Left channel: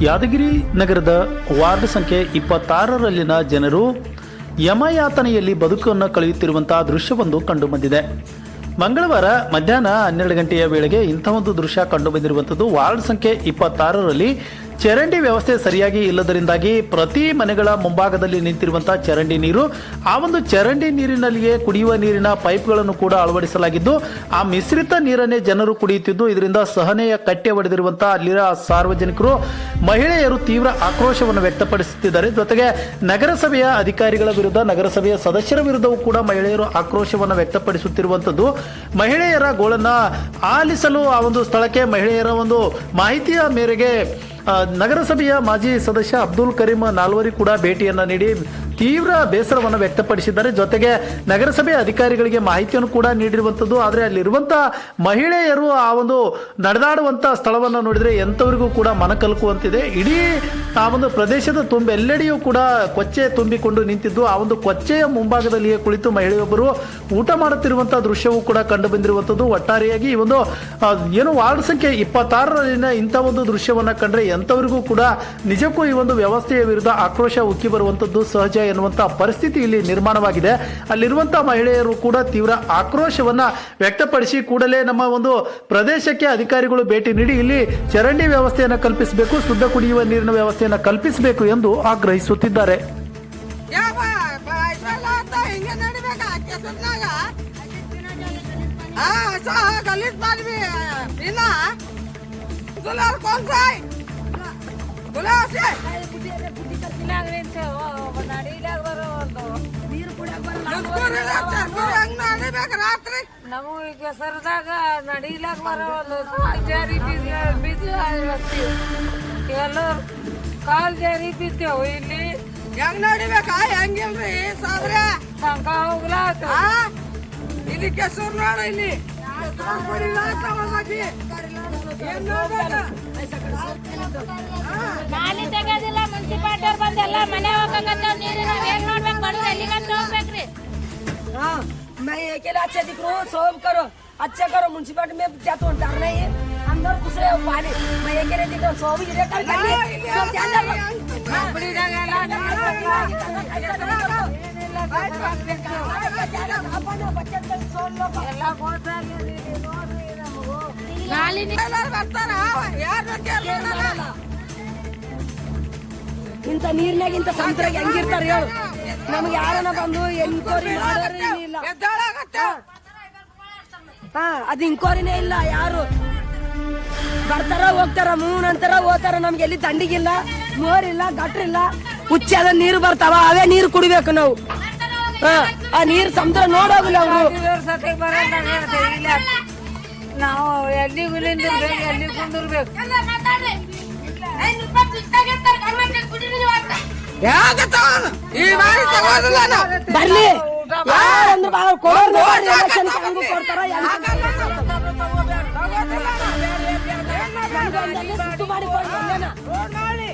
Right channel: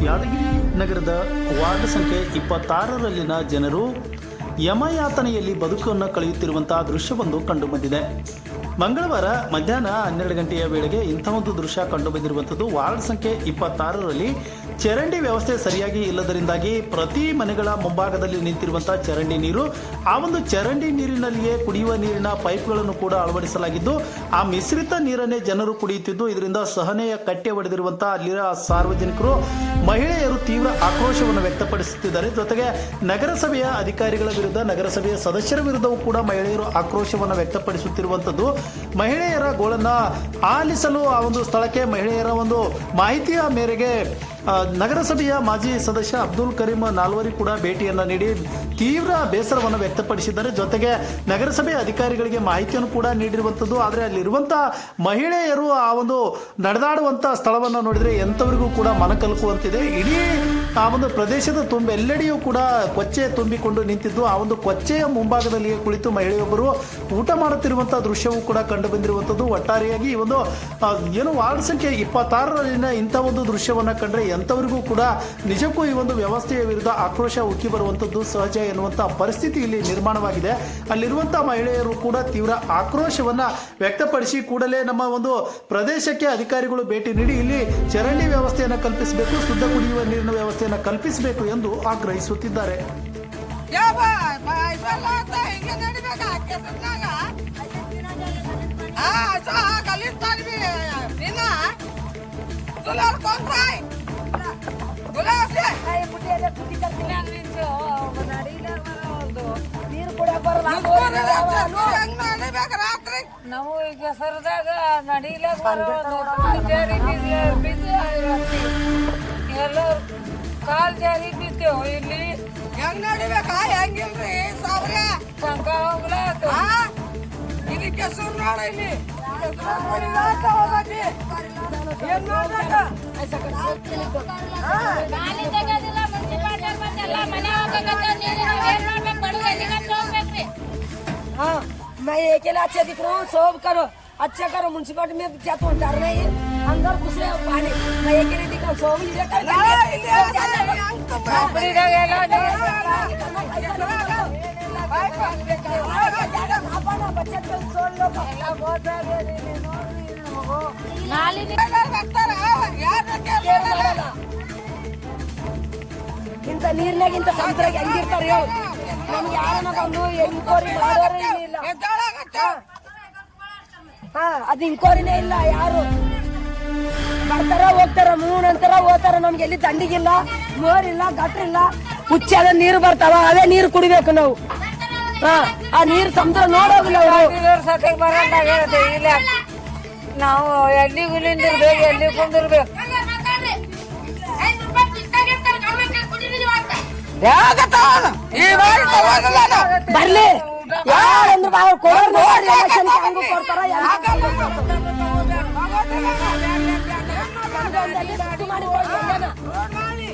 ಯಾದಗಿರಿ ನಗರದ ವಾರ್ಡ್ ಸಂಖ್ಯೆ ಇಪ್ಪತ್ತಾರರಲ್ಲಿನ ಜನರು ಯಮಯಾತನೆಯಲ್ಲಿ ಬದುಕನ್ನು ಕಳೆಯುತ್ತಿರುವಂತಹ ದೃಶ್ಯವೊಂದು ಕಂಡುಬಂದಿದೆ. ಮಂಗಳವಾರ ಮಧ್ಯಾಹ್ನ ಹನ್ನೆರಡು ಗಂಟೆಯ ವೇಳೆಗೆ ಇಂಥ ಒಂದು ದೃಶ್ಯ ಕಂಡುಬಂದಿರುವಂಥದ್ದು ವಾರ್ಡ್ ಸಂಖ್ಯೆ ಇಪ್ಪತ್ತಾರರಲ್ಲಿ ಚರಂಡಿ ವ್ಯವಸ್ಥೆ ಸರಿಯಾಗಿ ಇಲ್ಲದರಿಂದಾಗಿ ಪ್ರತಿ ಮನೆಗಳ ಮುಂಭಾಗದಲ್ಲಿ ನಿಂತಿರುವಂತಹ ಚರಂಡಿ ನೀರು, ಆ ಒಂದು ಚರಂಡಿ ನೀರಿನಲ್ಲಿಯೇ ಕುಡಿಯುವ ನೀರಿನ ಪೈಪ್ಗಳನ್ನು ಕೂಡ ಅಳವಡಿಸಲಾಗಿದ್ದು, ಆ ಮಿಶ್ರಿತ ನೀರನ್ನೇ ಜನರು ಕುಡಿಯುತ್ತಿದ್ದು, ಇದರಿಂದ ಸಹನೆಯ ಕಟ್ಟೆ ಒಡೆದಿರುವಂತಹ ಅಲ್ಲಿನ ಸಾರ್ವಜನಿಕರು, ಮಹಿಳೆಯರು ತೀವ್ರ ಆಕ್ರೋಶವನ್ನು ವ್ಯಕ್ತಪಡಿಸುತ್ತಿದ್ದಾರೆ. ಜೊತೆಗೆ ನಗರಸಭೆಯ ಅಧಿಕಾರಿಗಳ ವಿರುದ್ಧ, ನಗರಸಭೆಯ ಸದಸ್ಯರ ವಿರುದ್ಧವೂ ಕೂಡ ಮಹಿಳೆಯರು ಆಕ್ರೋಶವನ್ನು ವ್ಯಕ್ತಪಡಿಸುತ್ತಿರುವಂಥದ್ದು ಮಹಿಳೆಯರ ಗೋಳನ್ನ ಆಲಿಸಲು ಆ ಒಂದು ಸ್ಥಳಕ್ಕೆ ಮಹಿಳೆಯರ ಒಂದು ಮಾಹಿತಿಯ ಮೇರೆಗೆ ನಗರಸಭೆಯ ಮಾಜಿ ಸದಸ್ಯ ಅಬ್ದುಲ್ ಕರೀಂ ನಾಲ್ವರಿ ಕೂಡ ಭೇಟಿಯನ್ನ ನೀಡಿ ತೀವ್ರ ಬೇಸರವನ್ನು ವ್ಯಕ್ತಪಡಿಸಿದ್ದಾರೆ. ಜೊತೆಗೆ ನಗರಸಭೆ ಅಧಿಕಾರಿಗಳಿಗೆ ಮಾಹಿತಿಯನ್ನು ಕೂಡ ನೀಡಿರುವಂಥದ್ದು, ಆದರೆ ಅಲ್ಲಿರುವಂಥ ಮಹಿಳೆಯರು ಆ ಒಂದು ನಡೆದಾಡುವಂಥ ಸ್ಥಳವನ್ನು ನೋಡಿದರೆ ಎಂಥವರಿಗೂ ಕೂಡ ಮನಕಲುಕುವಂತಿದೆ. ಇಡೀ ಆ ಒಂದು ಪ್ರದೇಶದ ತುಂಬ, ಎಲ್ಲೆಡೆಯೂ ಕೂಡ ಕೊಚ್ಚೆ ತುಂಬಿಕೊಂಡು ನಿಂತಿದ್ದು. ಆ ಒಂದು ಕೊಚ್ಚೆಯ ಮುಂಭಾಗದಲ್ಲಿಯೇ ಕುಳಿತು ಮಹಿಳೆಯೊಬ್ಬರು ಊಟ ಮಾಡುತ್ತಿರುವಂಥ ದೃಶ್ಯವೂ ಕೂಡ ಕಂಡು ಬಂದಿರುವಂಥದ್ದು ಒಟ್ಟಾರೆಯಾಗಿ ಈ ಒಂದು ಏನು ವಾರ್ಡ್ ಸಂಖ್ಯೆ ಇಪ್ಪತ್ತಾರರಲ್ಲಿನ ಇಂಥ ಒಂದು ದೃಶ್ಯವನ್ನು ಕಂಡ್ರೆ ಎಂಥವರಿಗೂ ಕೂಡ ನಿಜಕ್ಕೂ ಈ ಒಂದು ವ್ಯವಸ್ಥೆಯ ವಿರುದ್ಧ ಆಕ್ರೋಶ ಉಕ್ಕಿ ಬರುವಂಥದ್ದು ಸಹಜ ಎನ್ನುವಂಥ ಪರಿಸ್ಥಿತಿ ಇಲ್ಲಿ ನಿರ್ಮಾಣವಾಗಿದೆ. ಅಲ್ಲಿರುವಂಥ ಮಹಿಳೆಯರು ಕೂಡ ತೀವ್ರ ಆಕ್ರೋಶವನ್ನು ವ್ಯಕ್ತಪಡಿಸಿ ಕೂಡಲೇ ನಮ್ಮ ಒಂದು ಪ್ರದೇಶಕ್ಕೆ ಅಧಿಕಾರಿಗಳು ಭೇಟಿ ನೀಡಿ ಇಲ್ಲಿ ಚರಂಡಿ ವ್ಯವಸ್ಥೆಯನ್ನು ಕಲ್ಪಿಸಬೇಕು, ಶುದ್ಧ ಕುಡಿಯುವ ನೀರಿನ ವ್ಯವಸ್ಥೆಯನ್ನು ಕಲ್ಪಿಸಬೇಕು ಎಂದು ಆಗ್ರಹಿಸುತ್ತಿದ್ದಾರೆ. ನಾವು ಈಗ ಸರದಾಗ ನಡಿಲಕ್ ಜಾರಿ ಬಿದ್ದು ಎಲ್ಲ ಕಾಲ್ ಜಾರಿ ಬಿದ್ದೇವು ಇಲ್ಲಿ ಹೆಂಗ್ ನಡಿಬೇಕಾ? ಹೆಂಗಿಲ್ರಿ ಸಾವ್ರೆ ಸಂಕ ಹೋಗ್ಲಾತು ಇಲ್ಲಿ ಕೆಸರು ನೋಡ ಇಲ್ಲಿ. ಮನೆ ನೀರು ಹೋಗ್ಬೇಕ್ರಿ मैं ये अकेला अच्छे दिख रहा हूँ सब करो अच्छा करो म्यूनसिपालिटी में जाता हूँ डरना ही अंदर दूसरे पानी मैं अकेले दिख रहा हूँ सब इधर कर करके सब जाते हैं ನಾಲಿ ಎಲ್ಲರೂ ಬರ್ತಾರ ಯಾರು ಕೇಳ್ತಾರ ಇಂಥ ನೀರ್ನಾಗಿಂತ ಸಮುದ್ರಾಗ ಹೆಂಗಿರ್ತಾರ ಹೇಳು ನಮ್ಗೆ ಯಾರನ್ನ ಬಂದು ಎನ್ಕ್ವೈರಿ ಮಾಡೋರೇ ಇಲ್ಲ ಹಾ. ಅದು ಇನ್ಕ್ವೈರಿನೇ ಇಲ್ಲ ಯಾರು? ಬರ್ತಾರ ಹೋಗ್ತಾರ ಮೂನ್ ಅಂತಾರ ಹೋಗ್ತಾರ ನಮ್ಗೆ ಎಲ್ಲಿ ದಂಡಿಗಿಲ್ಲ ಮೋರಿಲ್ಲ ಗಟ್ರಿಲ್ಲ. ಹುಚ್ಚಾದ ನೀರು ಬರ್ತಾವ ಅವೇ ನೀರು ಕುಡಿಬೇಕು ನಾವು. ಹಾ ಆ ನೀರು ಸಮುದ್ರ ನೋಡೋಗಿಲ್ಲ ಅವರು. ನಾವು ಎಲ್ಲಿ ಗುಲಿಂದಿರ್ಬೇಕು ಎಲ್ಲಿ ಕುಂದಿರ್ಬೇಕು ಈ ಬಾರಿ ತಗೋದಿಲ್ಲ ನಾವು ಬರ್ಲಿ. ಯಾರಂದ್ರೆ ಬಾ ಕೊಡೋರ್ ನೋಡಿ ಎಲೆಕ್ಷನ್ ಹಂಗೂ ಕೊಡ್ತಾರ ಸುತ್ತು ಮಾಡಿ.